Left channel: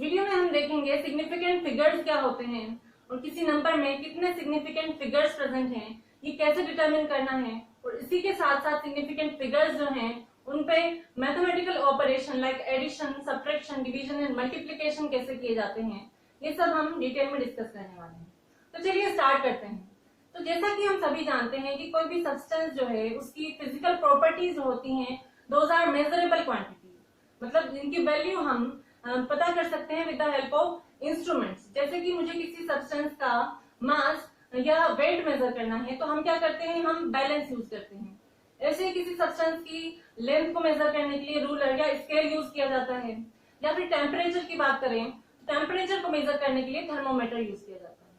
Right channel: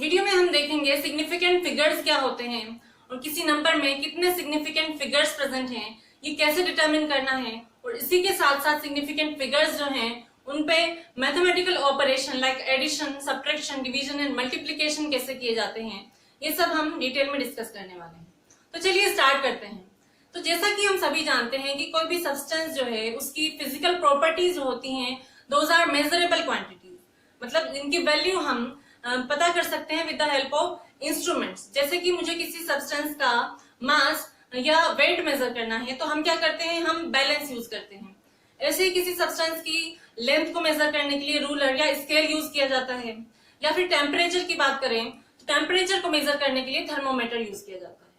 Video में हम देखेंगे सिग्निफिकेंट फिगर्स क्या होते हैं और किसी नंबर में कितने सिग्निफिकेंट फिगर्स प्रेजेंट हैं, ये कैसे डिटरमिन करना है, और इसी के साथ साथ सिग्निफिकेंट फिगर्स जो हैं उन पे mathematical operation like addition, subtraction, division and multiplication कैसे किए जाते हैं, ये सब हम डिटेल में डिस्कस करने वाले हैं। तो चलिए स्टार्ट करते हैं। तो जैसा कि हम सभी जानते हैं कि कोई भी सब्सटेंस जो है उसकी फिजिकल प्रॉपर्टीज होती हैं, दोज आर मेजरेबल क्वांटिटीज, मतलब इनकी वैल्यू हम पता कर सकते हैं with the help of instruments. जैसे कि मुझे किसी सब्सटेंस का मास या वेट मेजर करना है तो हम क्या करते हैं, हम बैलेंस यूज करते हैं। ऐसे ही किसी सब्सटेंस की लेंथ को मेजर करने के लिए रूलर या स्केल यूज किया जाता है, या फिर टेम्परेचर की बात करें तो टेम्परेचर को मेजर करने के लिए थर्मोमीटर यूज किया जाता है।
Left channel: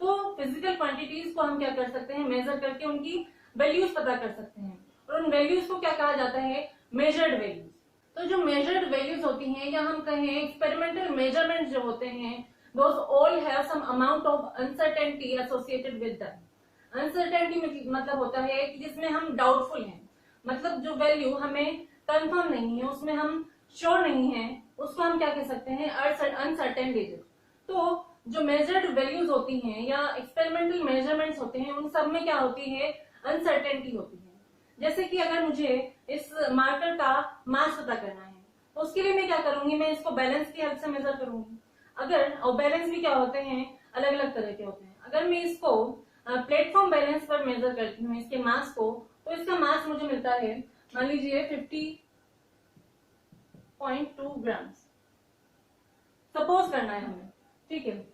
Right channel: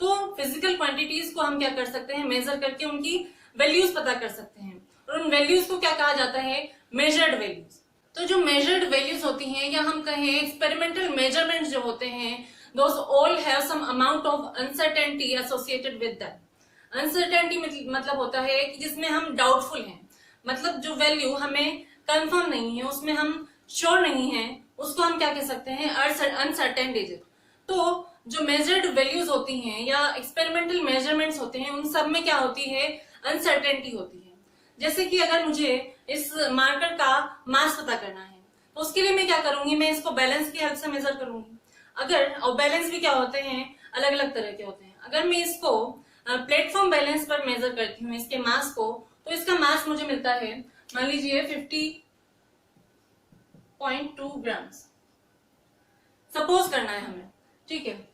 तो फिजिकल क्वांटिटीज को हम क्या कर सकते हैं, मेजर करके उनकी वैल्यूज पता कर सकते हैं, और उन वैल्यूज को क्या कहा जाता है, मेजर्ड वैल्यूज। तो जो मेजर्ड वैल्यूज होती हैं या हम कहें एक्सपेरिमेंटल मेजरमेंट जो होते हैं, those all have some amount of uncertainty associated with that. Uncertainty मतलब होता है कि जिसमें हम डाउटफुल हैं, मतलब जो वैल्यू हमें कंफर्म नहीं है, उसमें हम श्योर नहीं है, उसको हम क्या कह सकते हैं, अनसर्टेन डिजिट। तो जो मेजर्ड वैल्यूज होती हैं या एक्सपेरिमेंटल मेजरमेंट्स होते हैं उन सब में क्या होती है, अनसर्टेनिटी होती है। जैसे कि अगर मुझे इस मार्कर का मास पता करना है तो उसके लिए मैं क्या करूंगी, मैं इसको बैलेंस की हेल्प से मेजर करूंगी। अगर, और बैलेंस भी क्या होते हैं, अलग अलग तरह के होते हैं। अगर मैं इसको प्लेटफॉर्म बैलेंस पर मेजर करती हूँ इसके मास को, तो इसका मास मुझे मिलता है, मान लीजिए 50.2 ग्राम्स सपोज करना है हमें, ठीक है।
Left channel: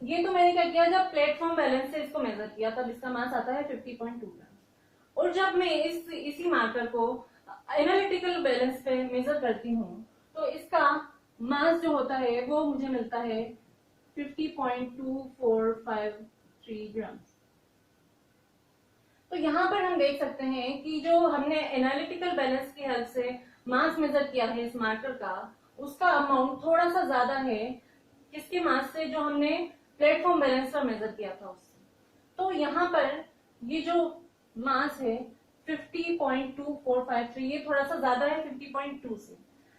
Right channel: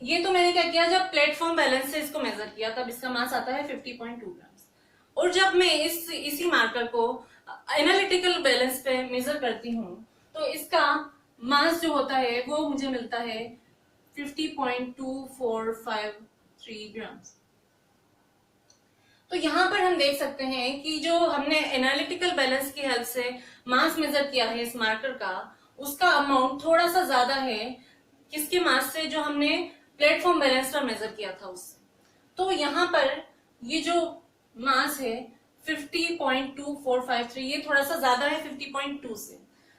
ये तो मैंने क्या किया, जब प्लेटफॉर्म बैलेंस से इसको मेजर किया तब इसका मास आता है 50.2 ग्राम्स। और जब मैं इसी मार्कर को एनालिटिकल बैलेंस पे मेजर करती हूँ तो इसका मास जो होता है वो मुझे मिलता है 50.2453 ग्राम्स। तो यहाँ पर हम देख सकते हैं कि जो हमने एनालिटिकल बैलेंस की हेल्प से मास मेजर किया है इस मार्कर का, उसका अमाउंट थोड़ा सा ज्यादा है किसके मास से, जो हमने प्लेटफॉर्म बैलेंस पर मेजर किया था उससे। तो यहाँ पर ये जो मास है 50.2453, ये थोड़ा सा ज्यादा है 50.2 से।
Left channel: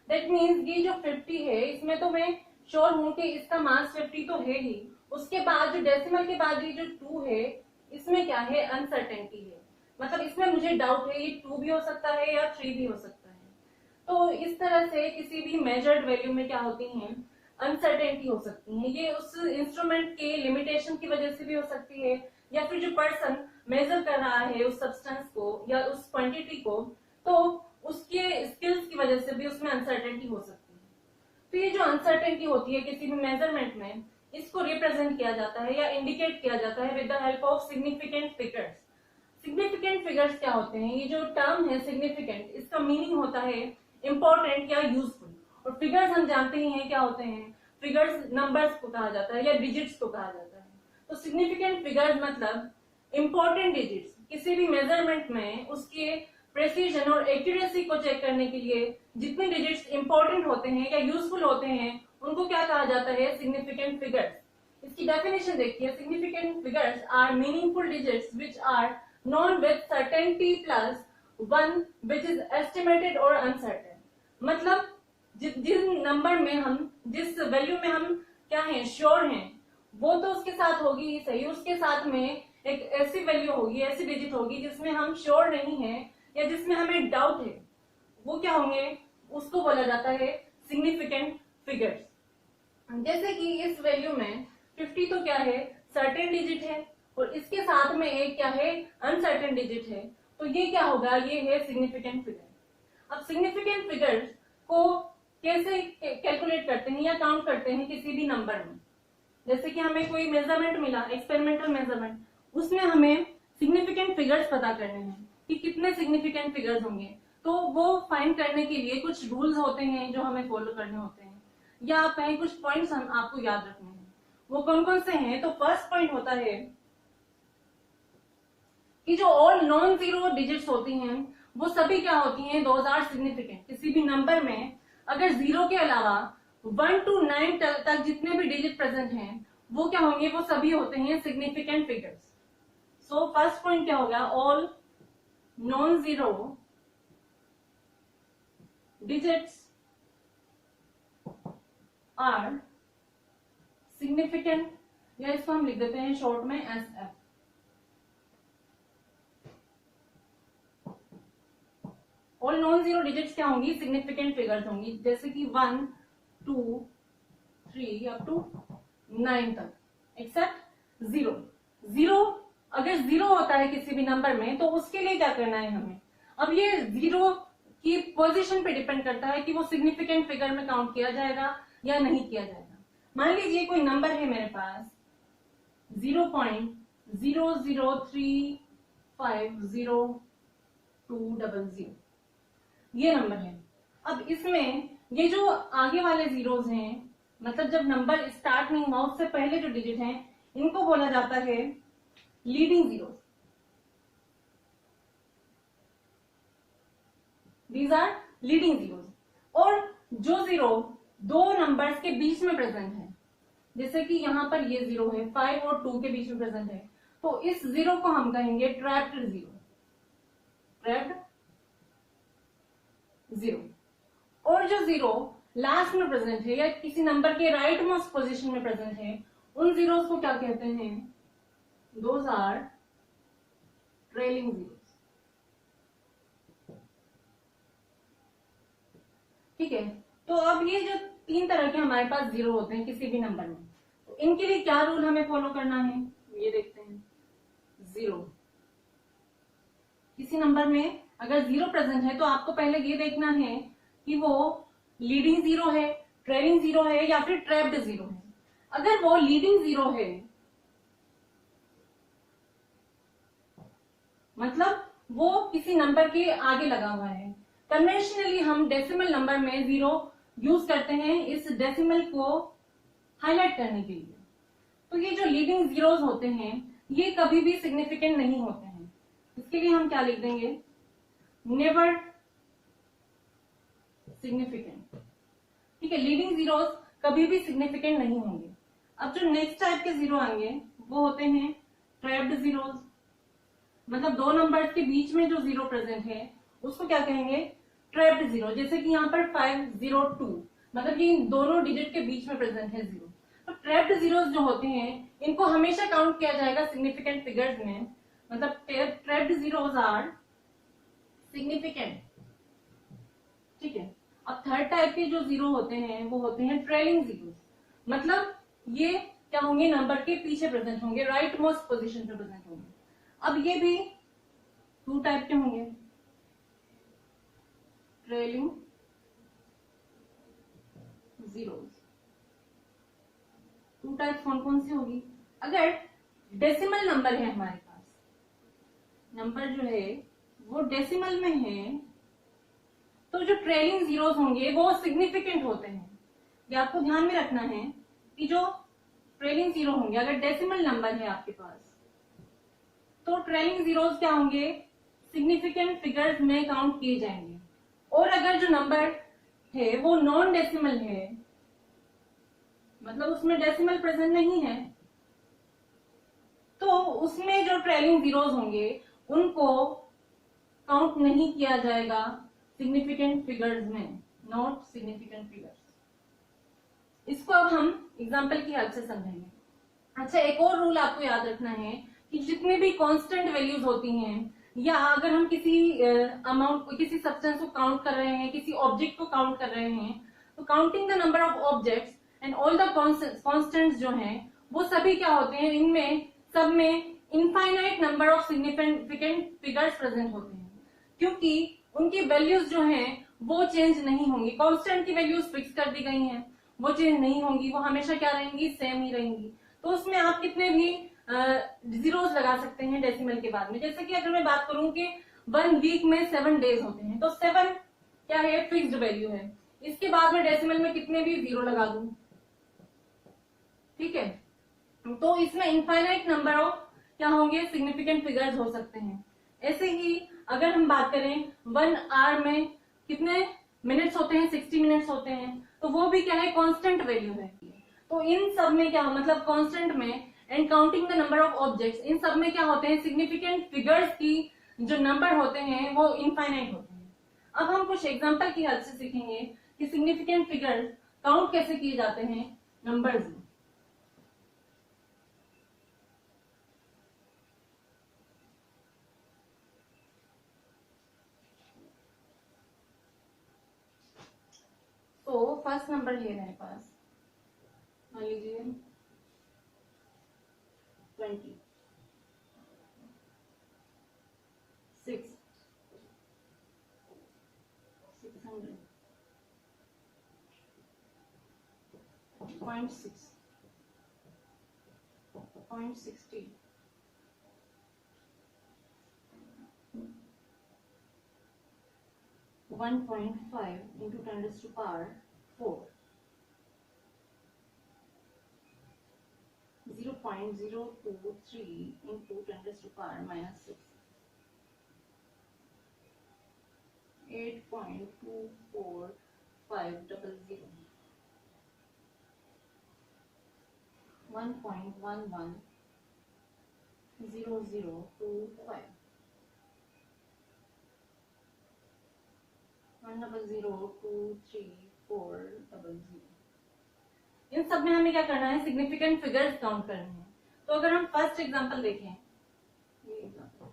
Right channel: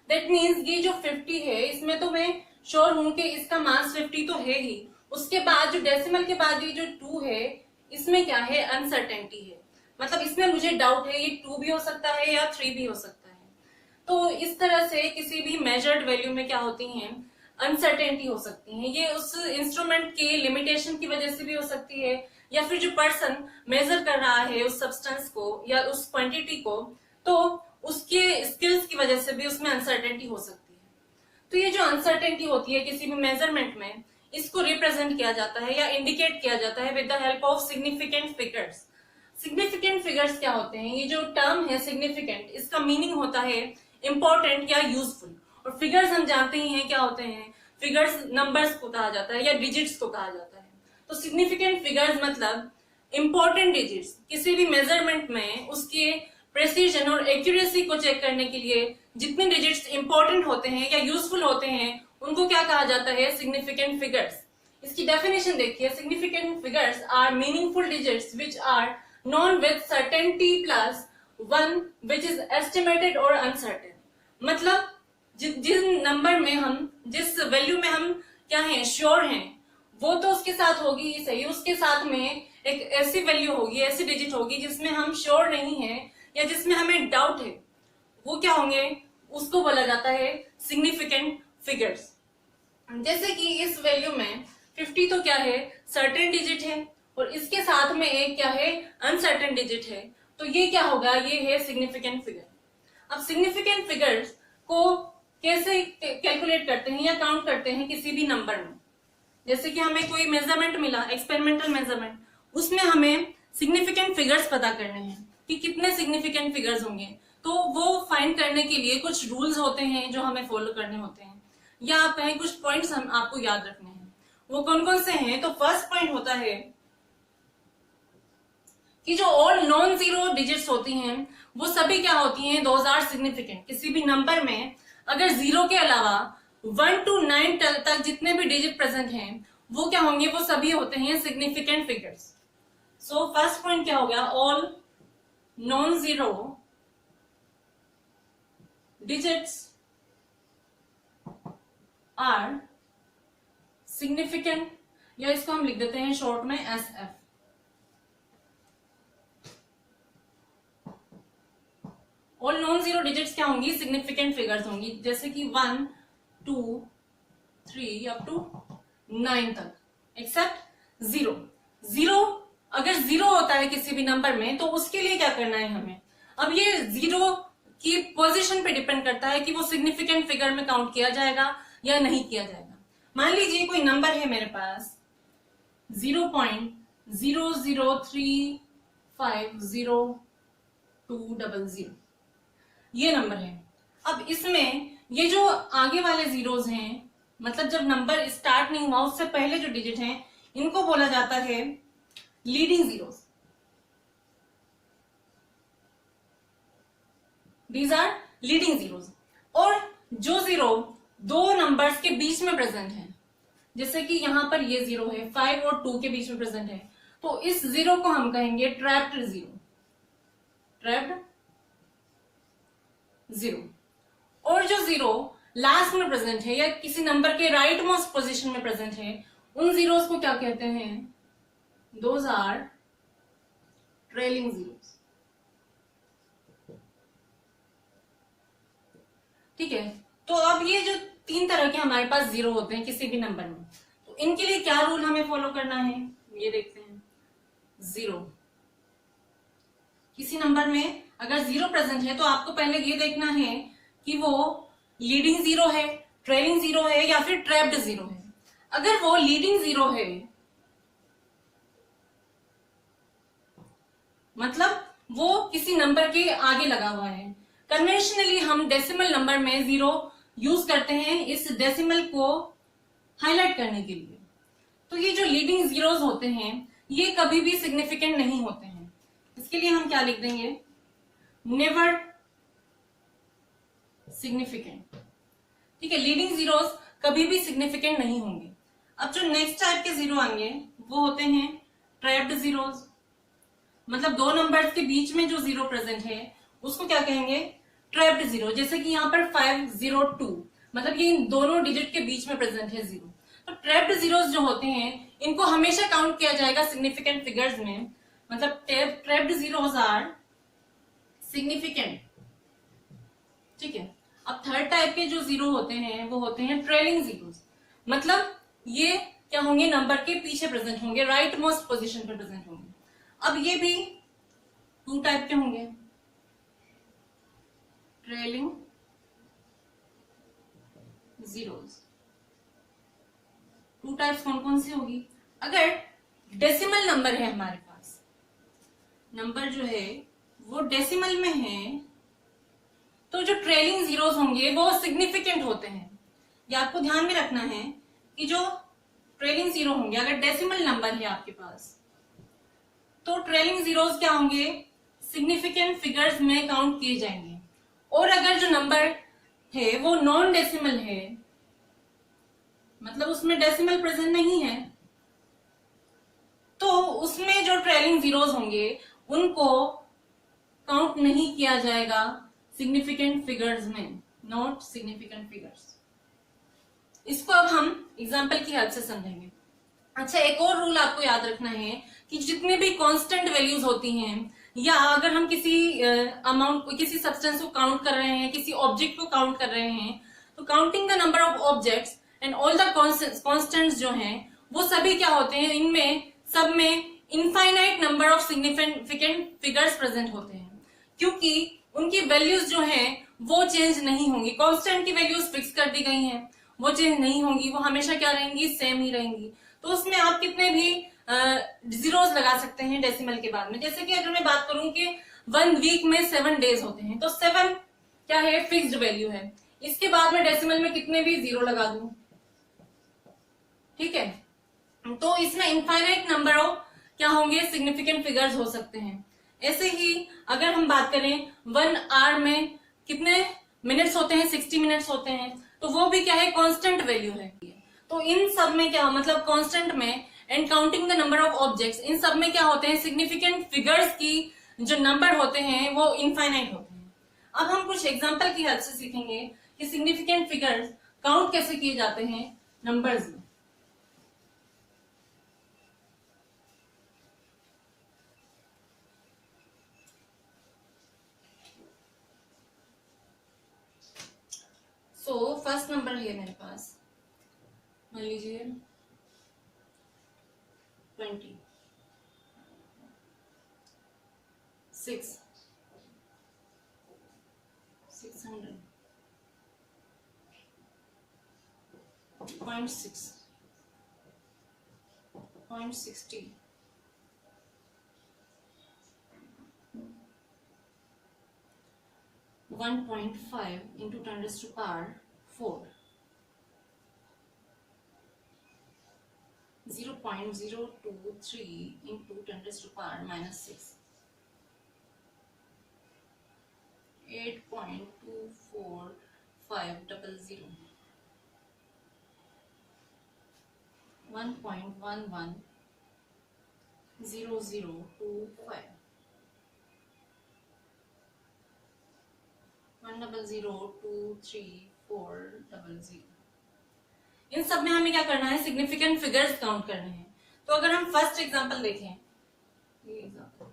दैट मीन्स ये जो 50 है इसमें तो मैं श्योर हूं कि इसका मास 50 तो है ही, उसके बाद जो डेसिमल के बाद ये जो 2 है इसमें क्या है, अनसर्टेनिटी है। मतलब इसमें मुझे डाउट है, ये 2 भी हो सकता है या 3 भी हो सकता है। तो इस तरह से किसी भी मेजर्ड वैल्यू में क्या होती है, अनसर्टेनिटी हो सकती है। ये उस इंस्ट्रूमेंट के लिमिटेशन की वजह से भी हो सकती है, या फिर जो पर्सन मेजर कर रहा है उस सब्सटेंस को या उस क्वांटिटी को, तो उसके स्किल्स की वजह से भी उसमें अनसर्टेनिटी हो सकती है। तो ये जो अनसर्टेनिटी होती है किसी भी मेजरमेंट में, इसको रिप्रेजेंट किया जाता है या इंडिकेट किया जाता है with the help of significant figures. Significant figures क्या होते हैं, ये जो टर्म है सिग्निफिकेंट, इसका मीनिंग होता है इंपॉर्टेंट या यूजफुल, और फिगर्स हम जानते ही हैं क्या होते हैं, फिगर्स नंबर्स को कहा जाता है या डिजिट्स को कहा जाता है। तो सिग्निफिकेंट फिगर्स मतलब इंपॉर्टेंट डिजिट्स, किसी भी मेजरमेंट में उसके प्रेसिजन और एक्यूरेसी को चेक करने के लिए जितने डिजिट्स इंपॉर्टेंट होते हैं या यूजफुल होते हैं उनको क्या कहा जाता है, सिग्निफिकेंट फिगर्स। इसकी डेफिनेशन देखिए, significant figures are meaningful digits which are known with certainty plus one which is estimated और अनसर्टेन। मतलब जिस नंबर में हम, जिस वैल्यू में हम क्या हैं, श्योर हैं, वो तो उसके साथ होगी ही सही, उसके साथ में एक ऐसी वैल्यू होगी, ऐसी डिजिट होगी जिसमें हम श्योर नहीं है या जिसमें हमें डाउट है, वो क्या होंगे, उसको बोला जाता है सिग्निफिकेंट फिगर्स। जैसे कि इस वैल्यू में 50 तो क्या है, सर्टेन डिजिट है, और इसके साथ में एक क्या है, अनसर्टेन डिजिट है, तो ये क्या होगा, ये है सिग्निफिकेंट फिगर। अब सिग्निफिकेंट फिगर्स को कैसे कैलकुलेट करते हैं या काउंट करते हैं किसी भी नंबर में। जैसे कि हमें कोई मेजरमेंट मिला, एक्सपेरिमेंटल मेजरमेंट, उसमें हमें सिग्निफिकेंट फिगर्स पता करने हैं कि कितने सिग्निफिकेंट फिगर्स होंगे। तो वो फाइंड करने के लिए कुछ रूल्स होते हैं जो हमें फॉलो करने होते हैं, या आप कहें कुछ पॉइंट्स हम आपको याद रखने हैं। वो कौन कौन से हैं, तो फर्स्ट पॉइंट होता है कि जो ऑल नॉन जीरो डिजिट्स होती हैं वो सभी क्या होती हैं, दोज आर सिग्निफिकेंट। किसी भी नंबर में अगर 0 के अलावा 1 to 9 तक जितने भी डिजिट प्रेजेंट हैं वो क्या होंगे, वो सभी होते हैं significant figures. So first point क्या हो गया, all non zero digits are significant, या इसको हम लिख देते हैं शॉर्ट में SF। All non zero digits क्या होंगी? सिग्निफिकेंट फिगर्स होंगी, जैसे कि 1 2 3 अप टू 9 तक, एक्सेप्ट जीरो। जीरो, अगर जीरो होता है किसी भी नंबर में तो उसके लिए क्या करना है हमें? अब ये जीरो की पोजीशन पे डिपेंड करता है कि वो सिग्निफिकेंट फिगर में काउंट किया जाएगा या नहीं किया जाएगा। मान लीजिए कोई नंबर है मेरे पास 0.003500200, ये नंबर है। अब इसमें ये जो आगे वाले जीरोस हैं, मतलब जब नंबर स्टार्ट नहीं हुआ उससे पहले जो डिजिट हैं, इनको बोला जाता है leading zeros. These are leading zeros. और जो जीरो दो नंबर्स के बीच में प्रेजेंट है, जैसे कि यहां पर ये जीरो है, 5 और 2 के बीच में प्रेजेंट है, तो इस जीरो को हम कहेंगे ट्रैप्ड जीरो। Trapped zero. और जो जीरो लास्ट में प्रेजेंट है या किसी नंबर के राइट मोस्ट पोजीशन में प्रेजेंट है, उन जीरोस को क्या कहते हैं? Those are trailing zeros. ठीक है, तो अब ये जो तीन तरह के हमारे पास जीरो होते हैं किसी भी नंबर में, तो इनके लिए क्या रूल हमें फॉलो करना है, ये देखते हैं। जीरो, किसी नंबर में अगर जीरो प्रेजेंट है तो आपको पहले ये देखना है कि वो लीडिंग जीरो है, ट्रेलिंग जीरो है या फिर ट्रैप्ड जीरो है। अगर वो लीडिंग जीरो है, मतलब वो किसी नंबर के आगे लगा हुआ है। कन्वेंशनली हम डेसिमल नंबर में जीरो यूज करते हैं इस डेसिमल को हाईलाइट करने के लिए। तो ये जो लीडिंग जीरोस होते हैं ये कभी भी सिग्निफिकेंट नहीं होते हैं। इसके लिए हम क्या लिख देंगे? Never significant. ठीक है, लीडिंग जीरोस कभी भी सिग्निफिकेंट नहीं होंगे। अब जो नेक्स्ट टाइप के जीरो आएंगे वो होते हैं ट्रैप्ड जीरोस। मतलब दो नंबर्स के बीच में जो जीरो प्रेजेंट है उसको क्या कहेंगे? Trapped zero. जैसे कि यहाँ पर 502, मतलब ये इन दोनों डिजिट के बीच में प्रेजेंट है जीरो। तो ट्रैप्ड जीरोस जो होते हैं इनको हमेशा काउंट किया जाएगा सिग्निफिकेंट फिगर्स में। मतलब ट्रैप्ड जीरोस आर सिग्निफिकेंट। ठीक है, अब थर्ड टाइप के जो जीरो होते हैं वो होते हैं ट्रेलिंग जीरोस। मतलब ये क्या होंगे? नंबर के पीछे प्रेजेंट होंगे, राइट मोस्ट पोजीशन पे प्रेजेंट होंगे। अब ये भी टू टाइप के होंगे, ट्रेलिंग जीरोस। टू टाइप्स कौन कौन सी होगी? अगर डेसिमल नंबर है हमारे पास, नंबर जो है वो डेसिमल में है, तो जो ट्रेलिंग जीरोस होंगे वो सिग्निफिकेंट होते हैं। ये आपको ध्यान में रखना है कि जो ट्रेलिंग जीरो होंगे अगर डेसिमल नंबर है आपके पास, तो ट्रेलिंग जीरोस क्या होंगे? सिग्निफिकेंट फिगर्स में काउंट किए जाएंगे। और अगर जो नंबर है वो नॉन डेसिमल है, मतलब उसमें डेसिमल प्रेजेंट नहीं है, तो उसमें जो ट्रेलिंग जीरोस होंगे उनको काउंट नहीं किया जाएगा सिग्निफिकेंट फिगर्स में, नॉट सिग्निफिकेंट फिगर्स। इसको अब हम एग्जांपल की हेल्प से समझेंगे। अच्छा, एक और रूल आपको याद रखना है कि जितने भी कांस्टेंट वैल्यूज होती हैं, या अगर हम किसी अमाउंट, किसी सब्सटेंस को काउंट कर रहे हैं, किसी ऑब्जेक्ट को काउंट कर रहे हैं, तो counting the number of objects and all the constants जो हैं वो सभी क्या होते हैं? इनमें सब में infinite number of significant figures present होते हैं, क्योंकि उनकी वैल्यूज जो हैं वो चेंज नहीं होंगी। कांस्टेंट की वैल्यूज फिक्स कर दी गई हैं, वो चेंज नहीं होंगी, वो हमेशा क्या रहेंगी? सेम ही रहेंगी। तो उसमें आप कितने भी जीरोस लगा सकते हैं डेसिमल के बाद में। जैसे कि अगर मैं बात करूं कि 1 वीक में 7 डेज होते हैं, तो 7 क्या है? फिक्स्ड वैल्यू है। इसके बाद में डेसिमल में कितने भी जीरो लगा दूं, ठीक है, तो इसमें इनफाइनाइट नंबर ऑफ क्या होंगे? सिग्निफिकेंट फिगर्स हो सकते हैं। ऐसे ही अगर हम बात करें 1 आवर में कितने मिनट्स होते हैं? 60 मिनट्स होते हैं, तो वो भी क्या है? कांस्टेंट वैल्यू है। तो इन सब में क्या, मतलब कांस्टेंट में and counting the number of objects, इन सब में क्या होते हैं? सिग्निफिकेंट फिगर्स की जो नंबर होते हैं वो इनफाइनाइट होते हैं। अब हम कुछ एग्जांपल की हेल्प से सीखेंगे कि सिग्निफिकेंट फिगर्स काउंट कैसे किए जाते हैं नंबर्स में। सो फर्स्ट नंबर है मेरे पास, मान लीजिए 20, 6, 600, 0.6, 0.60, 1.5 into 10 raised to power 4, 0.023 into 10 raised to power minus 6, 8.24500, 1.110025, 1002340। इन सब में हमें क्या करना है, सिग्निफिकेंट फिगर्स काउंट करने हैं। तो अगर हम फर्स्ट एग्जांपल देखें, ये एग्जांपल,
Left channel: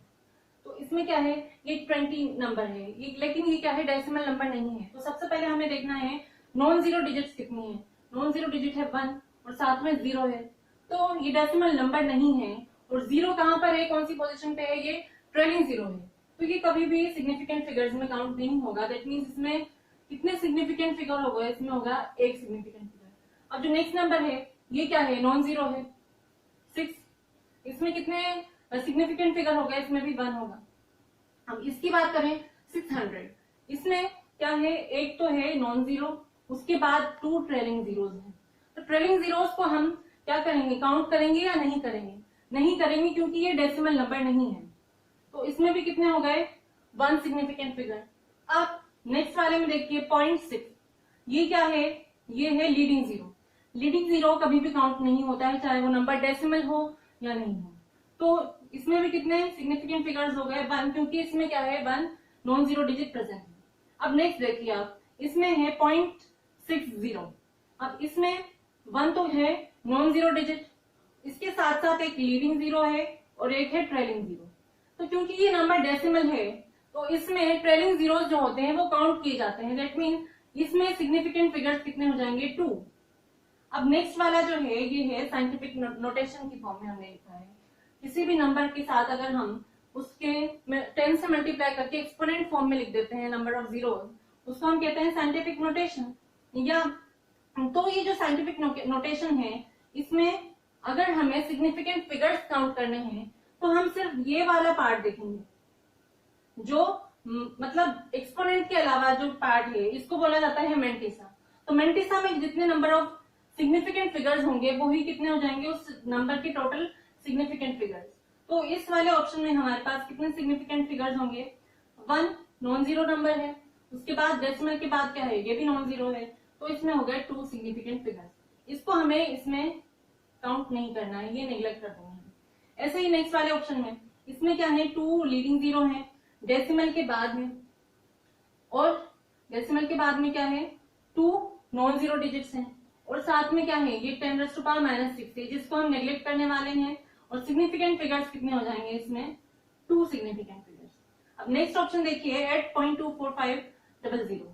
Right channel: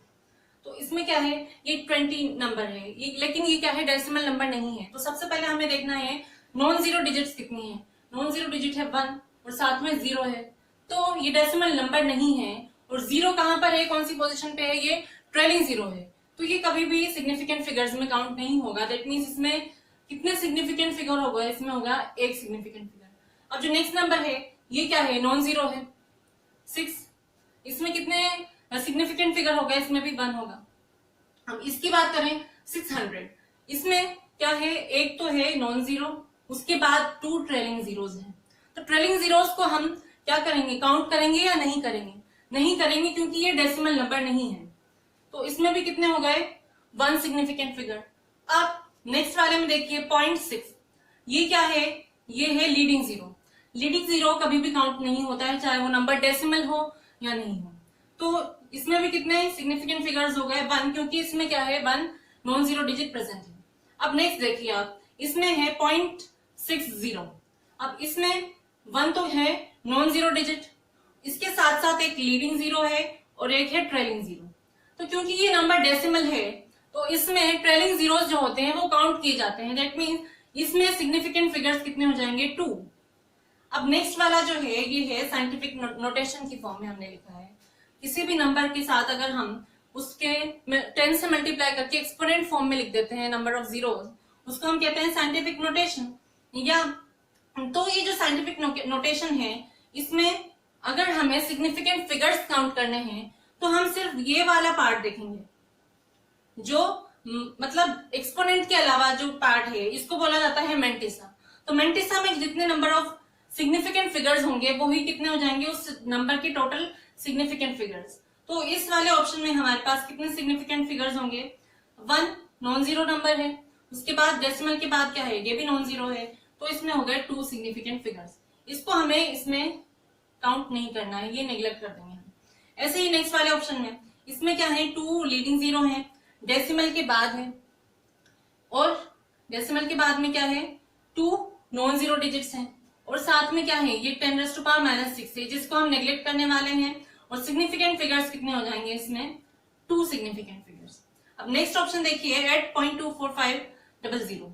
तो इसमें क्या है, ये 20 नंबर है, ये लेकिन ये क्या है, डेसिमल नंबर नहीं है। तो सबसे पहले हमें देखना है नॉन जीरो डिजिट्स कितनी है। नॉन जीरो डिजिट है 1 और साथ में 0 है, तो ये डेसिमल नंबर नहीं है। और 0 कहां पर है, कौन सी पोजीशन पे है, ये ट्रेलिंग 0 है, तो ये कभी भी सिग्निफिकेंट फिगर्स में काउंट नहीं होगा। दैट मीन्स इसमें कितने सिग्निफिकेंट फिगर होगा, इसमें होगा एक सिग्निफिकेंट फिगर। अब जो नेक्स्ट नंबर है ये क्या है, नॉन जीरो है 6, इसमें कितने सिग्निफिकेंट फिगर होगा, इसमें भी 1 होगा। अब इसकी बात करें 600, इसमें क्या है, एक तो है नॉन जीरो, उसके बाद 2 ट्रेलिंग जीरोस हैं। तो ट्रेलिंग जीरोस को हम क्या करेंगे, काउंट करेंगे या नहीं करेंगे, नहीं करेंगे क्योंकि ये डेसिमल नंबर नहीं है। तो इसमें भी कितने हो गए, 1 सिग्निफिकेंट फिगर। अब नेक्स्ट वाले में देखिए 0.6, ये क्या है, ये है लीडिंग जीरो। लीडिंग जीरो कभी भी काउंट नहीं होता है, चाहे वो नंबर डेसिमल हो या नहीं हो। तो इसमें भी कितने सिग्निफिकेंट फिगर्स हो गए, 1, क्योंकि इसमें क्या है, 1 नॉन जीरो डिजिट प्रेजेंट है। अब नेक्स्ट देखिए आप, इसमें है 0.60। अब इसमें 1 तो है नॉन जीरो डिजिट, इसके साथ साथ एक लीडिंग जीरो है और एक है ट्रेलिंग जीरो। तो क्योंकि ये नंबर डेसिमल है, तो इसमें ट्रेलिंग जीरोस जो होते हैं वो काउंट किए जाते हैं। दैट मीन्स इसमें सिग्निफिकेंट फिगर्स कितने हो जाएंगे, 2। अब नेक्स्ट वाला जो है, ये है साइंटिफिक नोटेशन की फॉर्म में हमने लिखा है। किसी भी नंबर के साथ अगर हम उसके 10 से मल्टीप्लाई करके एक्सपोनेंट फॉर्म में लिख देते हैं नंबर ऑफ जीरोस, उसको हम कहते हैं साइंटिफिक नोटेशन। या तो ये जो साइंटिफिक नोटेशन है, इसमें अगर हमें सिग्निफिकेंट फिगर्स काउंट करने हैं तो हम सिर्फ ये वाला पार्ट देखेंगे, जो मतलब एक्सपोनेंट के अलावा जो पार्ट है, इसको बोला जाता है मेंटिसा। तो मेंटिसा में जितने नंबर ऑफ सिग्निफिकेंट फिगर्स होंगे वो ही कितने हो जाएंगे, उस नंबर के टोटल सिग्निफिकेंट फिगर्स। तो इस वाले ऑप्शन में हमारे पास कितने सिग्निफिकेंट फिगर्स होंगे, 1 नॉन जीरो नंबर है, उसके बाद डेसिमल के बाद क्या है, ये भी नॉन जीरो है, तो इसमें हो गए 2 सिग्निफिकेंट फिगर्स। इसको हमें इसमें काउंट नहीं करना है, ये नेग्लेक्ट कर देंगे हम। ऐसे ही नेक्स्ट वाले ऑप्शन में, इसमें क्या है, 2 लीडिंग जीरो है, डेसिमल के बाद है, और डेसिमल के बाद में क्या है, 2 नॉन जीरो डिजिट्स हैं, और साथ में क्या है, ये 10 raised to power -6 है, जिसको हम नेग्लेक्ट करने वाले हैं। और सिग्निफिकेंट फिगर्स कितने हो जाएंगे इसमें, 2 सिग्निफिकेंट फिगर्स। अब नेक्स्ट ऑप्शन देखिए 8.24500,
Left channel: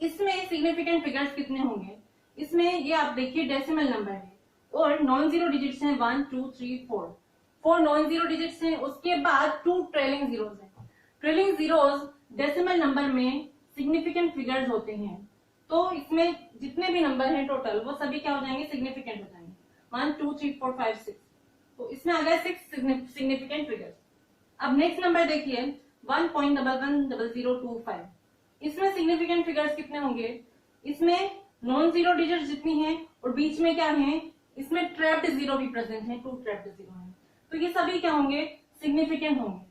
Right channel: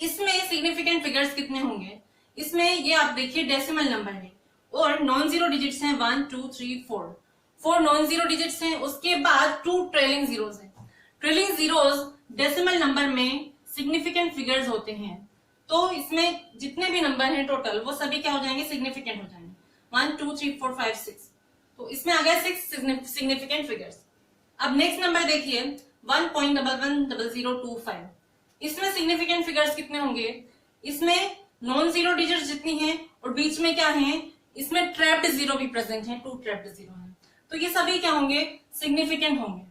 इसमें सिग्निफिकेंट फिगर्स कितने होंगे, इसमें ये आप देखिए डेसिमल नंबर है और नॉन जीरो डिजिट्स हैं 1 2 3 4, 4 नॉन जीरो डिजिट्स हैं, उसके बाद 2 ट्रेलिंग जीरोस हैं। ट्रेलिंग जीरोस डेसिमल नंबर में सिग्निफिकेंट फिगर्स होते हैं, तो इसमें जितने भी नंबर हैं टोटल, वो सभी क्या हो जाएंगे, सिग्निफिकेंट हो जाएंगे, 1 2 3 4 5 6। तो इसमें आ गया 6 सिग्निफिकेंट फिगर्स। अब नेक्स्ट नंबर देखिए 1.110025, इसमें सिग्निफिकेंट फिगर्स कितने होंगे, इसमें नॉन जीरो डिजिट जितनी हैं और बीच में क्या है, इसमें ट्रैप्ड जीरो भी प्रेजेंट है, 2 ट्रैप्ड जीरो हैं, तो ये सभी क्या होंगे, सिग्निफिकेंट होंगे।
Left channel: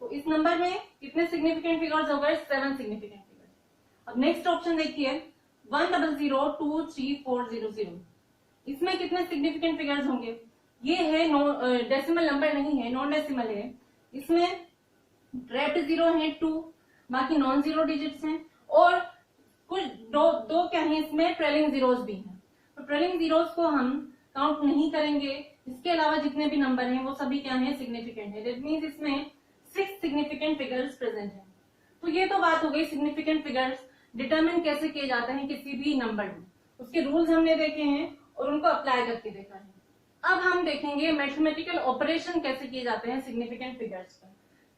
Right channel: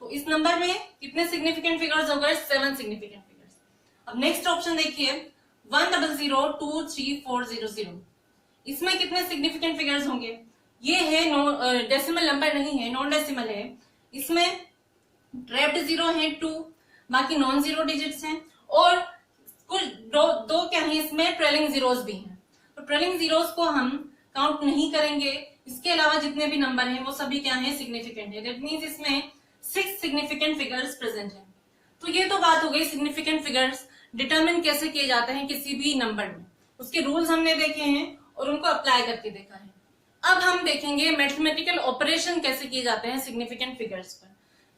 तो इस नंबर में कितने सिग्निफिकेंट फिगर्स हो गए, 7 सिग्निफिकेंट फिगर्स। अब नेक्स्ट ऑप्शन देखिए 100234000, इसमें कितने सिग्निफिकेंट फिगर्स होंगे, ये है डेसिमल नंबर नहीं है, नॉन डेसिमल है, इसमें ट्रैप्ड जीरो है 2, बाकी नॉन जीरो डिजिट्स हैं, और कुछ दो क्या है, इसमें ट्रेलिंग जीरोस भी हैं। तो ट्रेलिंग जीरोस को हम काउंट नहीं करेंगे, इसके अलावा जितने भी नंबर हैं वो सभी क्या है, सिग्निफिकेंट है। दैट मींस इसमें 6 सिग्निफिकेंट फिगर्स प्रेजेंट हैं। तो ये तो बात हो गई सिग्निफिकेंट फिगर्स डिटरमिन कैसे किए जाते हैं किसी भी नंबर में, उसके रूल्स हमने देखे हैं और उनको अप्लाई करके देखा है। अब हम देखेंगे मैथमेटिकल ऑपरेशन कैसे किए जाते हैं सिग्निफिकेंट फिगर्स पर।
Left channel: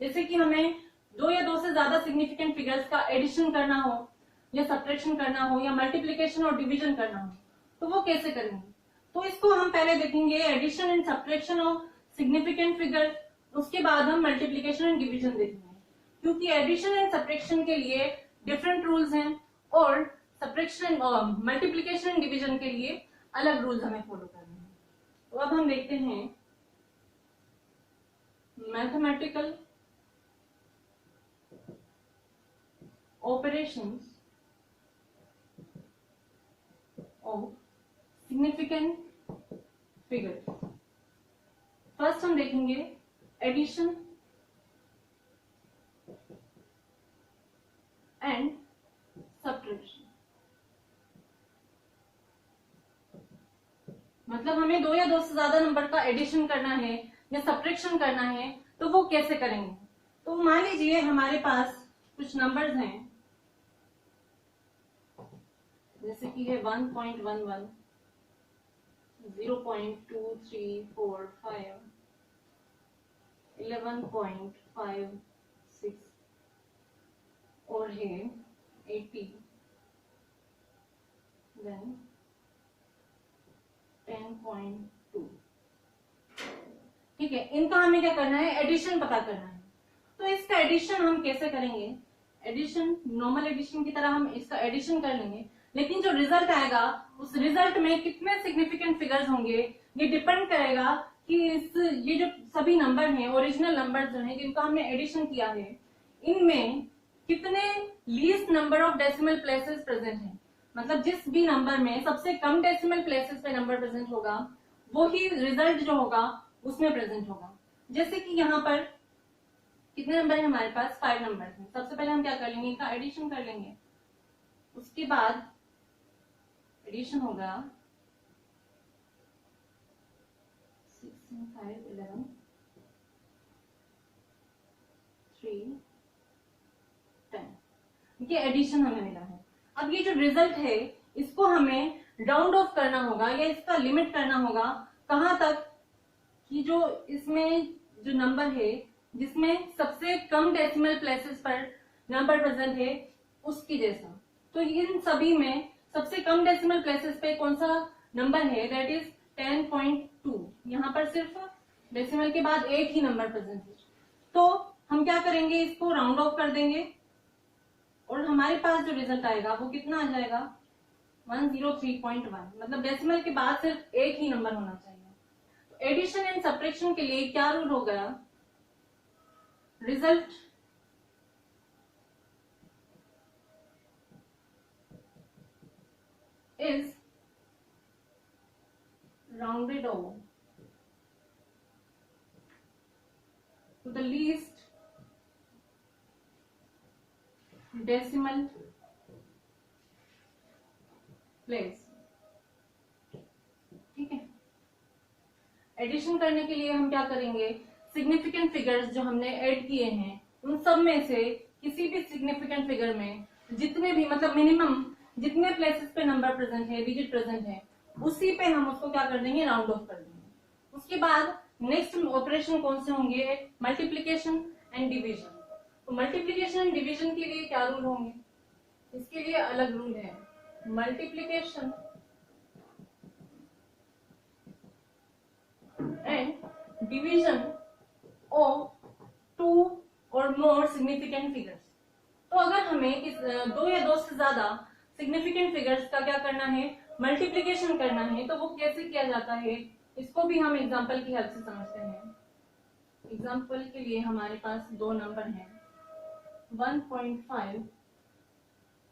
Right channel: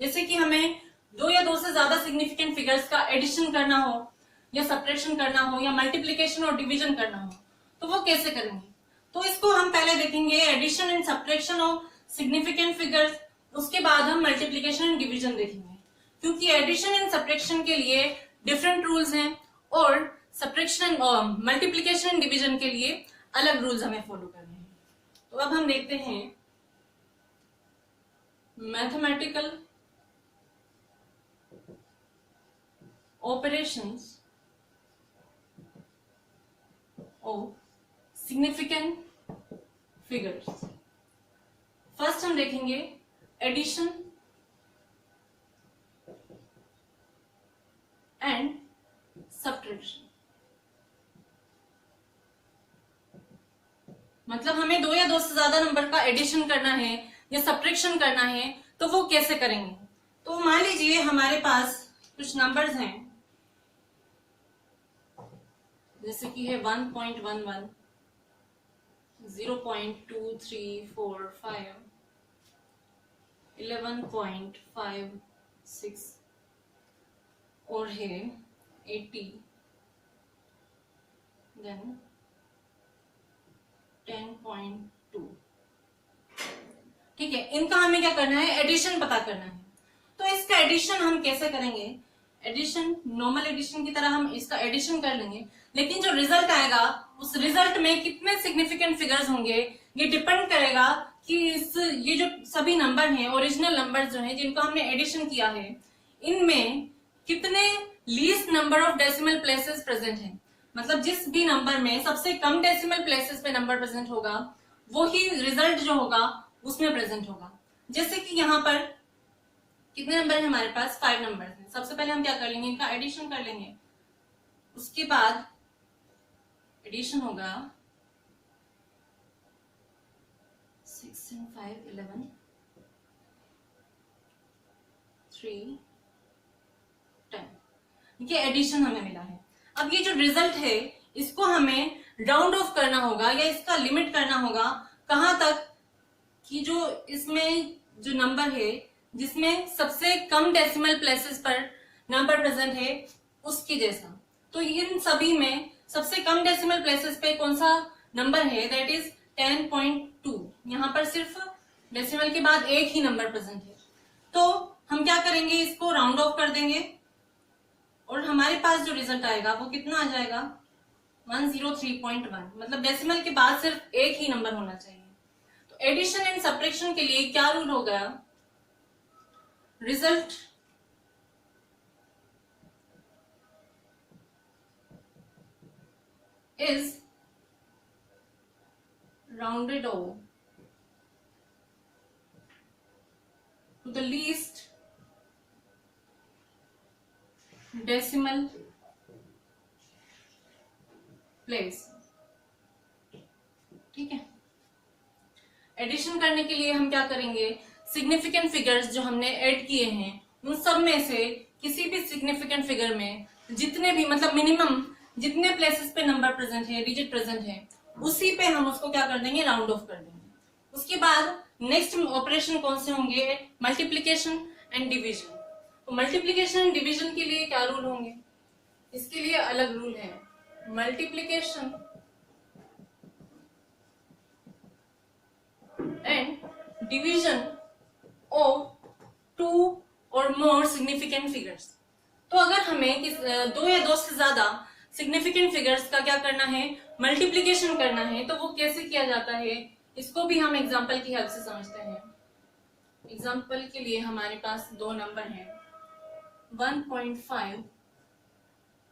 जैसे कि हमें दो या दो से ज्यादा सिग्निफिकेंट फिगर्स का एडिशन करना हो या सब्ट्रैक्शन करना हो या मल्टीप्लिकेशन और डिवीजन करना हो, तो वो कैसे करेंगे। तो इसको हम पहले देखेंगे addition and subtraction of significant figures, उसके बाद हम मल्टीप्लिकेशन एंड डिवीजन देखेंगे, क्योंकि एडिशन एंड सब्ट्रैक्शन के लिए डिफरेंट रूल्स हैं और सब्ट्रैक्शन और मल्टीप्लिकेशन एंड डिवीजन के लिए अलग रूल्स हमें फॉलो करने हैं। तो अब हम देखते हैं mathematical operations of significant figures. First हम देखेंगे एडिशन एंड सब्ट्रैक्शन। मतलब हमें दो या दो से ज्यादा नंबर का एडिशन करना है या सब्ट्रैक्शन करना है, तो वो कैसे करेंगे। तो मान लीजिए हमारे पास कुछ नंबर्स हैं, जैसे कि है 1.11, 0.2345, 11.56 और है 80, देन 10.2। ठीक है, इनका हमें क्या करना है, एडिशन पता करना है। तो इसका एडिशन हम कैसे करेंगे, एडिशन नॉर्मल एडिशन की तरह हम इसका एडिशन कर लेंगे, लेकिन जो रिजल्ट आएगा उस रिजल्ट में कितने सिग्निफिकेंट फिगर्स होंगे ये डिपेंड करेगा कि ये जो सभी नंबर हैं ओरिजिनल नंबर जो हैं जिनको हमने एडिशन किया है, इनमें कितने least number of decimal places present हैं। मतलब जिस भी नंबर में सबसे कम डेसिमल प्लेसेस पे नंबर प्रेजेंट होगा वो ही रिजल्ट जो होगा उसमें प्रेजेंट होगा। जैसे कि यहाँ पर कितने नंबर है हमारे पास, 5 नंबर हैं। सबसे पहले हम क्या कर लेंगे, इनका एडिशन कर लेंगे, उसके बाद एडिशन होगा 6 and 5 11, 3 10। ये एडिशन हमें मिला है। अब ये जो रिजल्ट है इसको हमें राउंड ऑफ करना होगा या इसका लिमिट करना होगा कहां तक, कि जो इसमें जो नंबर है जिसमें सबसे कम डेसिमल प्लेसेस पर नंबर प्रेजेंट है उसकी जैसा। तो इन सभी में सबसे कम डेसिमल प्लेसेस पे कौन सा नंबर है, दैट इज 10.2। यहाँ पर सिर्फ डेसिमल के बाद एक ही नंबर प्रेजेंट है, तो हम क्या करेंगे, इसको राउंड ऑफ कर देंगे और हमारे पास जो रिजल्ट आएगा वो कितना आ जाएगा, 103.1। मतलब डेसिमल के बाद सिर्फ एक ही नंबर होना चाहिए। तो एडिशन एंड सब्ट्रैक्शन के लिए क्या रूल हो गया, result is rounded off to the least decimal place। ठीक है, एडिशन करने के लिए हम क्या करेंगे, सिग्निफिकेंट फिगर्स जो हमने ऐड किए हैं उन सब में से किसी भी सिग्निफिकेंट फिगर में जितने भी मतलब मिनिमम जितने प्लेसेस पे नंबर प्रेजेंट है, डिजिट प्रेजेंट है, उसी पे हम उसको क्या कर देंगे, राउंड ऑफ कर देंगे। उसके बाद नेक्स्ट ऑपरेशन कौन से होंगे, मल्टीप्लिकेशन एंड डिवीजन। तो मल्टीप्लिकेशन एंड डिवीजन के लिए क्या रूल होंगे, इसके लिए अलग रूल है। मल्टीप्लिकेशन एंड डिवीजन ऑफ 2 और मोर सिग्निफिकेंट फिगर्स। तो अगर हमें दो या दो से ज्यादा सिग्निफिकेंट फिगर्स का क्या करना है, मल्टीप्लिकेशन करना है, तो वो कैसे किया जाता है, इसको भी हम एग्जांपल की हेल्प से समझते हैं। एग्जांपल के लिए हमारे पास दो नंबर हैं, 1.5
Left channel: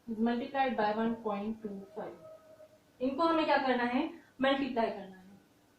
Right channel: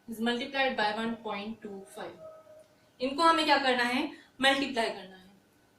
इज मल्टीप्लाइड बाय 1.25। इनको हमें क्या करना है, मल्टीप्लाई करना है।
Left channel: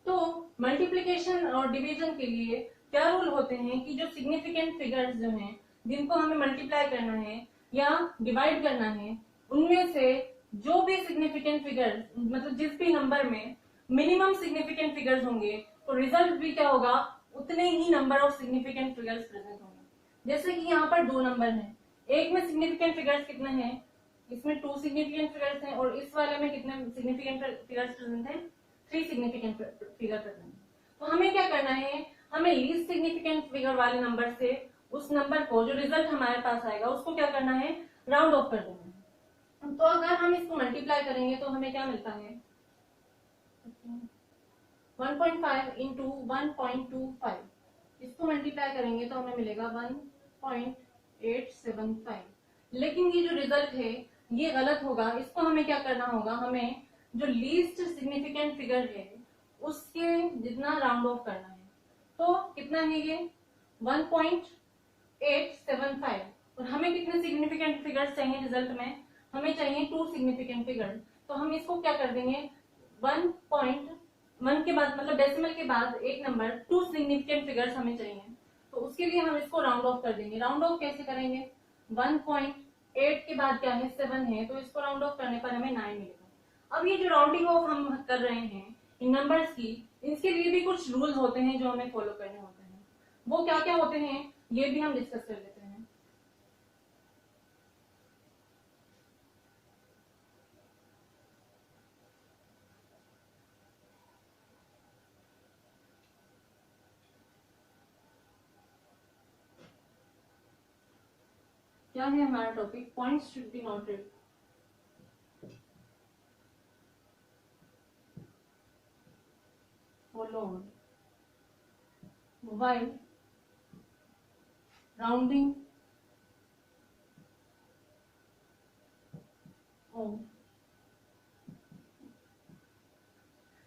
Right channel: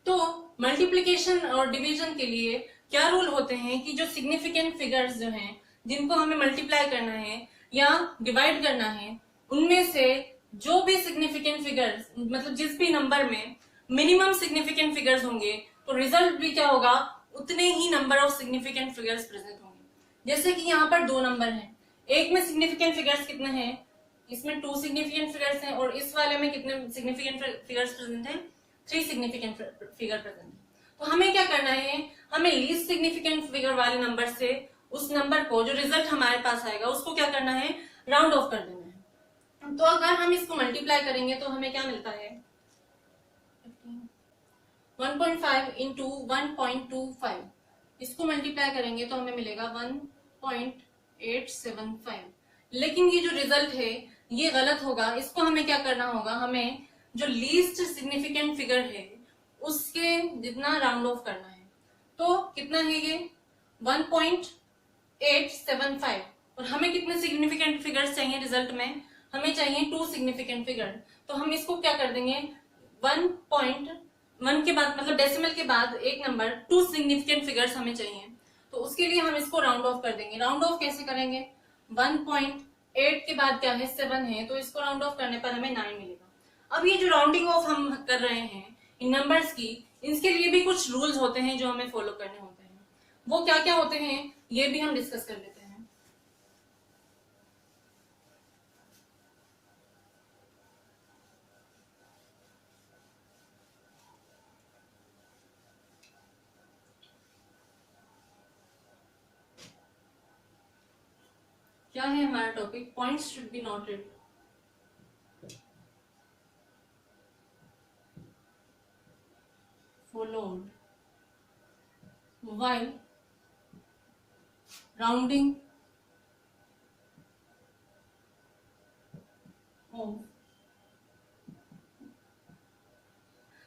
तो मल्टीप्लिकेशन और डिवीजन के लिए क्या रूल होते हैं कि जो सिग्निफिकेंट फिगर्स जो हैं जिनको हमें मल्टीप्लाई करना है या डिवाइड करना है, उनमें से जो भी सिग्निफिकेंट फिगर्स मतलब जिस भी नंबर में मिनिमम सिग्निफिकेंट फिगर्स होंगे तो रिजल्ट भी क्या होगा, उतने ही number of significant figures present होंगे। जैसे कि यहाँ पर दो नंबर हैं, एक में सिग्निफिकेंट फिगर्स कितने हैं, इसमें 2 सिग्निफिकेंट फिगर्स हैं और इस वाले में कितने सिग्निफिकेंट फिगर्स प्रेजेंट हैं? 3 सिग्निफिकेंट फिगर प्रेजेंट है। तो हमें क्या करना है, हमें लीस्ट सिग्निफिकेंट फिगर वाले नंबर से उस नंबर को, जो रिजल्ट हमारे पास आएगा, उसको क्या करना है, राउंड ऑफ कर देना है। तो अगर हम इसको मल्टीप्लाई करेंगे तो हमें क्या मिलता है, 1.5 इंटू 1.25, इसको मल्टीप्लाई करेंगे तो हमें मिलेगा 1.875। लेकिन ये जो रिजल्ट है ये गलत होगा, इसको हमें क्या करना होगा, हमें जो लीस्ट सिग्निफिकेंट फिगर है उसके जितना राउंड ऑफ करना है। तो कितना है ये 1.875, और हमें कितने सिग्निफिकेंट फिगर्स चाहिए रिजल्ट में, हमें चाहिए 2 सिग्निफिकेंट फिगर। तो हम इसको क्या कर देंगे, 1.1 के बाद मतलब डेसिमल के बाद एक नंबर 2 सिग्निफिकेंट फिगर्स हमें चाहिए, तो उसके लिए हम इसको राउंड ऑफ कर देंगे। राउंड ऑफ कैसे करेंगे, 1.8 के बाद क्या है 7 है, तो इसको राउंड ऑफ करने पर हमें 9 मिलेगा। अब ये जो राउंडिंग ऑफ हम कर रहे हैं इन नंबर्स की, इसके लिए भी कुछ रूल्स होते हैं जो हमें फॉलो करने होते हैं। वो क्या क्या होते हैं ये भी हम डिस्कस कर लेते हैं। क्या है हमारा topic, points should be noted. Followed while rounding off।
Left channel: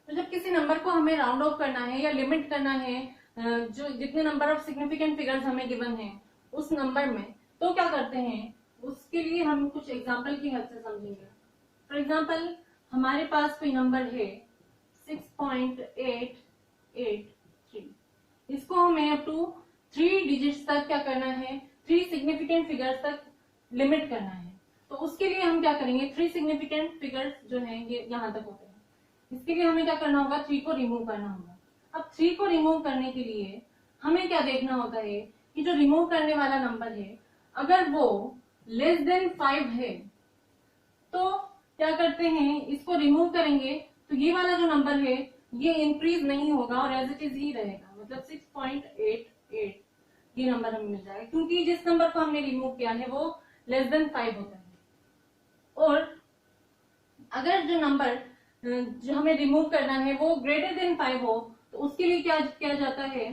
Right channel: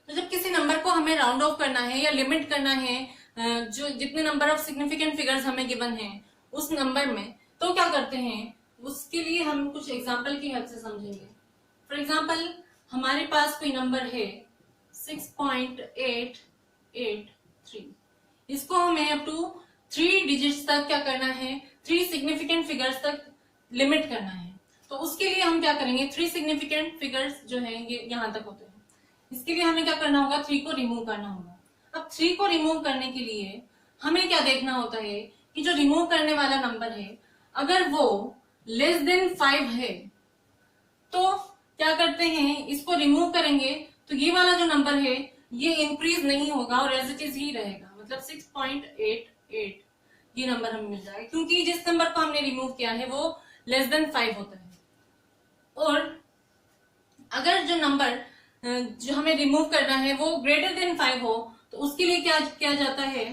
तो जब किसी नंबर को हमें राउंड ऑफ करना है या लिमिट करना है, जो जितने नंबर ऑफ सिग्निफिकेंट फिगर्स हमें गिवन है उस नंबर में, तो क्या करते हैं, उसके लिए हम कुछ एग्जांपल की हेल्प से समझेंगे। फॉर एग्जांपल हमारे पास कोई नंबर है 6.883, इसको हमें अप टू 3 डिजिट्स तक क्या करना है, 3 सिग्निफिकेंट फिगर्स तक लिमिट करना है। तो उसके लिए हम क्या करेंगे, 3 सिग्निफिकेंट फिगर्स जो हैं ये यहाँ तक होते हैं, इसके लिए हमें क्या करना होगा, 3 को रिमूव करना होगा। अब 3 को रिमूव करने के लिए हमें क्या देखना होता है कि जो रिमूव करने वाला नंबर है अगर वो लेस देन 5 है तो क्या करते हैं, इसको रिमूव करेंगे तो ये वाला जो नंबर है ये इंक्रीज नहीं होगा और एज इट इज ही रहेगा, मतलब 6.88 ये नंबर हमें मिल जाएगा, क्योंकि जिस नंबर को हमने रिमूव किया है वो लेस देन 5 होता है। और अगर जो नंबर जो हमें रिमूव करना है वो ग्रेटर देन 5 हो तो उसके लिए क्या किया जाता है,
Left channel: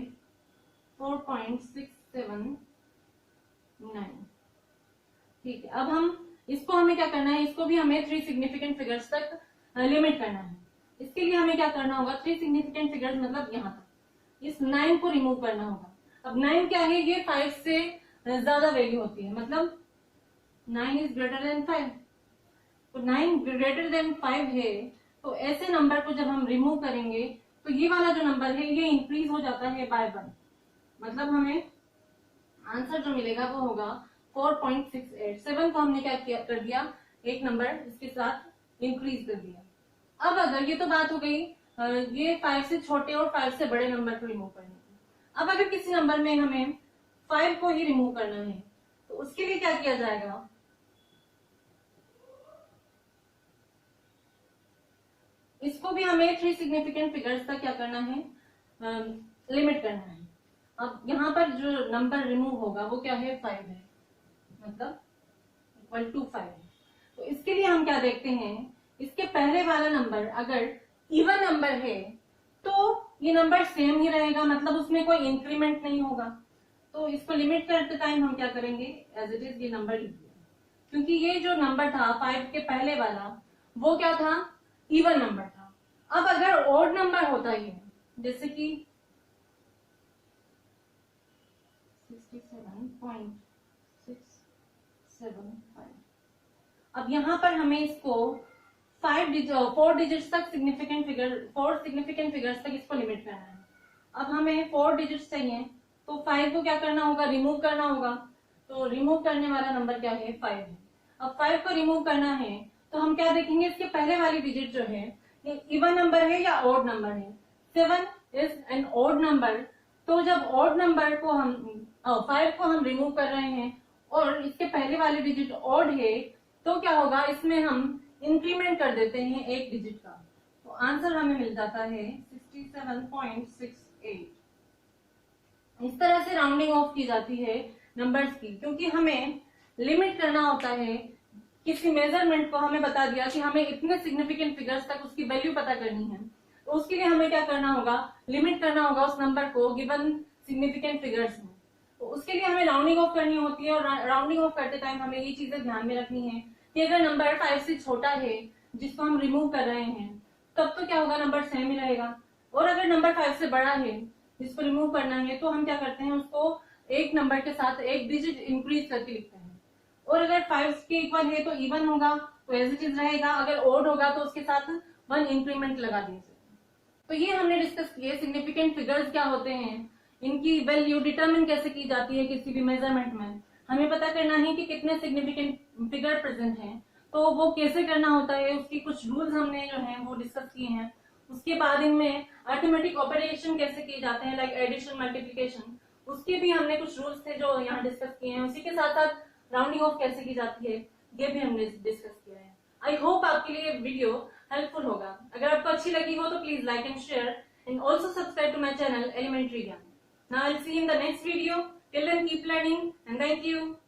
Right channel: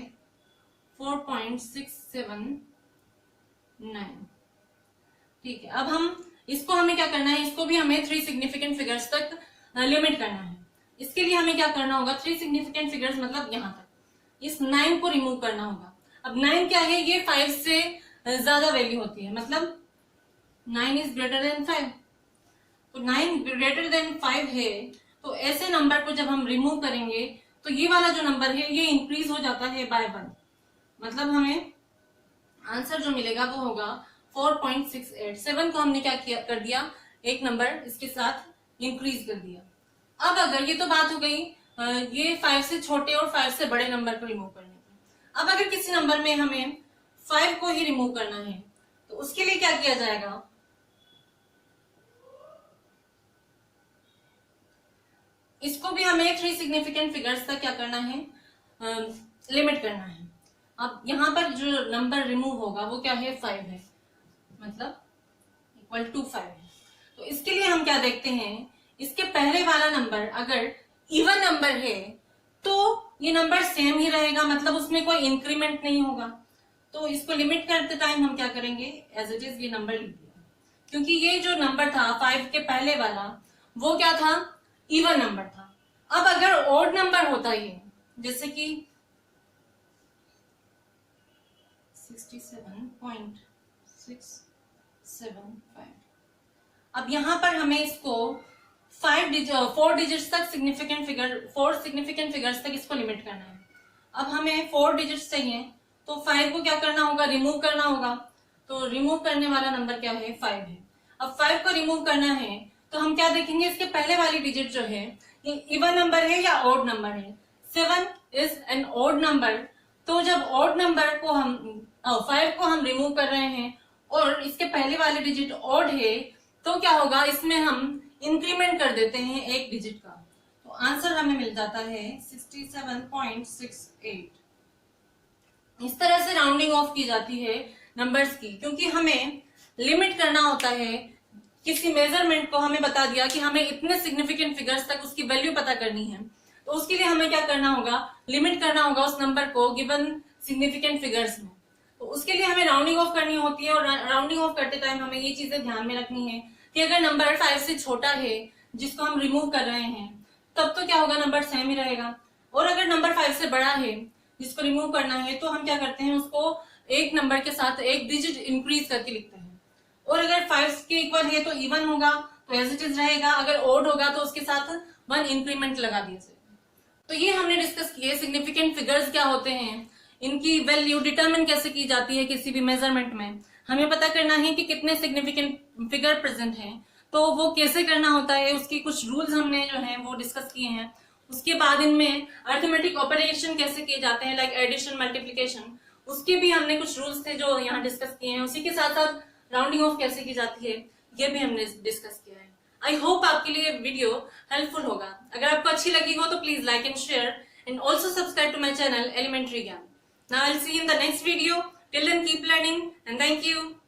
4.679। ठीक है, अब हम इसको हमें क्या करना है, इसको भी हमें 3 सिग्निफिकेंट फिगर्स तक लिमिट करना है। इसके लिए हमें क्या करना होगा, 3 सिग्निफिकेंट फिगर्स मतलब यहाँ तक, इस 9 को रिमूव करना होगा। अब 9 क्या है, ये 5 से ज्यादा वैल्यू होती है, मतलब 9 इज ग्रेटर देन 5। तो 9 ग्रेटर देन 5 है, तो ऐसे नंबर को जब हम रिमूव करेंगे तो ये वाला जो नंबर है ये इंक्रीज हो जाता है बाय 1, मतलब हमें आंसर जो मिलेगा वो होगा 4.68। 7 को हमने क्या किया कर दिया, एक नंबर इसके साथ इंक्रीज कर दिया। अब अगर ये तो बात हो गई ये 5 से छोटे और 5 से बड़े नंबर को रिमूव करने की। अब अगर किसी नंबर में हमें 5 को ही रिमूव करना है तो उसके लिए क्या किया जाएगा, इसको भी हमें 3 सिग्निफिकेंट फिगर्स तक क्या करना है, लिमिट करना है। अब यहाँ पर जो नंबर रिमूव होगा वो क्या है, 5 है, मतलब इक्वल टू 5 है। तो इसके लिए हम क्या देखते हैं, इसके पहले वाला नंबर अगर इवन नंबर है तो ये नंबर सेम ही रहेगा, मतलब उसमें कोई इंक्रीमेंट नहीं होगा। तो इसको लिमिट करते टाइम हम क्या करेंगे, एज इट इज ये नंबर लिख दिया, क्योंकि ये जो नंबर था 5 के पहले वाला वो क्या था, इवन नंबर था। अब अगर ऑड नंबर होता ये, जैसे कि 67.675, अब यहां पर हमें इसको 4 डिजिट्स तक सिग्निफिकेंट फिगर, 4 सिग्निफिकेंट फिगर्स तक इसको लिमिट करना है। अब हमें 4 डिजिट्स चाहिए तो 5 को क्या करना होगा, रिमूव करना होगा। तो रिमूव करने वाला नंबर क्या है, 5 है। अब 5 को रिमूव करना है तो हम क्या देखेंगे, इसके पहले वाली डिजिट जो है ये इवन नंबर है या ऑड नंबर है। 7 इज एन ऑड नंबर, तो जब ऑड नंबर को हम 5 को हम रिमूव कर रहे हैं और इसके पहले वाले डिजिट ऑड है तो क्या होगा, इसमें हम इंक्रीमेंट कर देते हैं एक डिजिट का, तो आंसर हमें मिल जाता है 67.68। इस तरह से राउंडिंग ऑफ की जाती है नंबर्स की, क्योंकि हमें लिमिट करना होता है किसी मेजरमेंट को। हमें बता दिया कि हमें इतने सिग्निफिकेंट फिगर्स तक उसकी वैल्यू पता करनी है, तो उसके लिए हमें क्या करना होगा, लिमिट करना होगा उस नंबर को गिवन सिग्निफिकेंट फिगर्स में। तो उसके लिए हमें राउंडिंग ऑफ करनी होती है, और राउंडिंग ऑफ करते टाइम हमें ये चीजें ध्यान में रखनी है कि अगर नंबर 5 से छोटा है जिसको हम रिमूव कर रहे हैं, तब तो क्या होगा, नंबर सेम ही रहेगा। और अगर नंबर 5 से बड़ा है जिसको रिमूव करना है, तो हम क्या करते हैं, उसको एक नंबर के साथ एक डिजिट इंक्रीज करके लिखते हैं। और अगर 5 के इक्वल है तो इवन होगा, तो एज इट इज रहेगा। अगर ओड होगा तो उसके साथ 1 इंक्रीमेंट लगा दीजिए। तो ये हमने डिस्कस किए सिग्निफिकेंट फिगर्स क्या होते हैं, इनकी वैल्यू डिटरमिन कैसे की जाती है किसी भी मेजरमेंट में। हमें पता करना है कि कितने सिग्निफिकेंट फिगर प्रेजेंट हैं, तो वो कैसे करना होता है, उसकी कुछ रूल्स हमने जो है वो डिस्कस किए हैं। उसके बाद इनमें अर्थमेटिक ऑपरेशन कैसे किए जाते हैं, लाइक एडिशन, मल्टीप्लिकेशन, उसके भी हमने कुछ रूल्स थे जो यहाँ डिस्कस किए हैं। उसी के साथ साथ राउंडिंग ऑफ कैसे की जाती है, ये भी हमने डिस्कस किया है। आई होप आपके लिए वीडियो हेल्पफुल होगा। अगर आपको अच्छी लगी हो तो please like and share, and also subscribe to my channel Elementary Gyan. Now I'll see you in the next video. Till then, keep learning and thank you.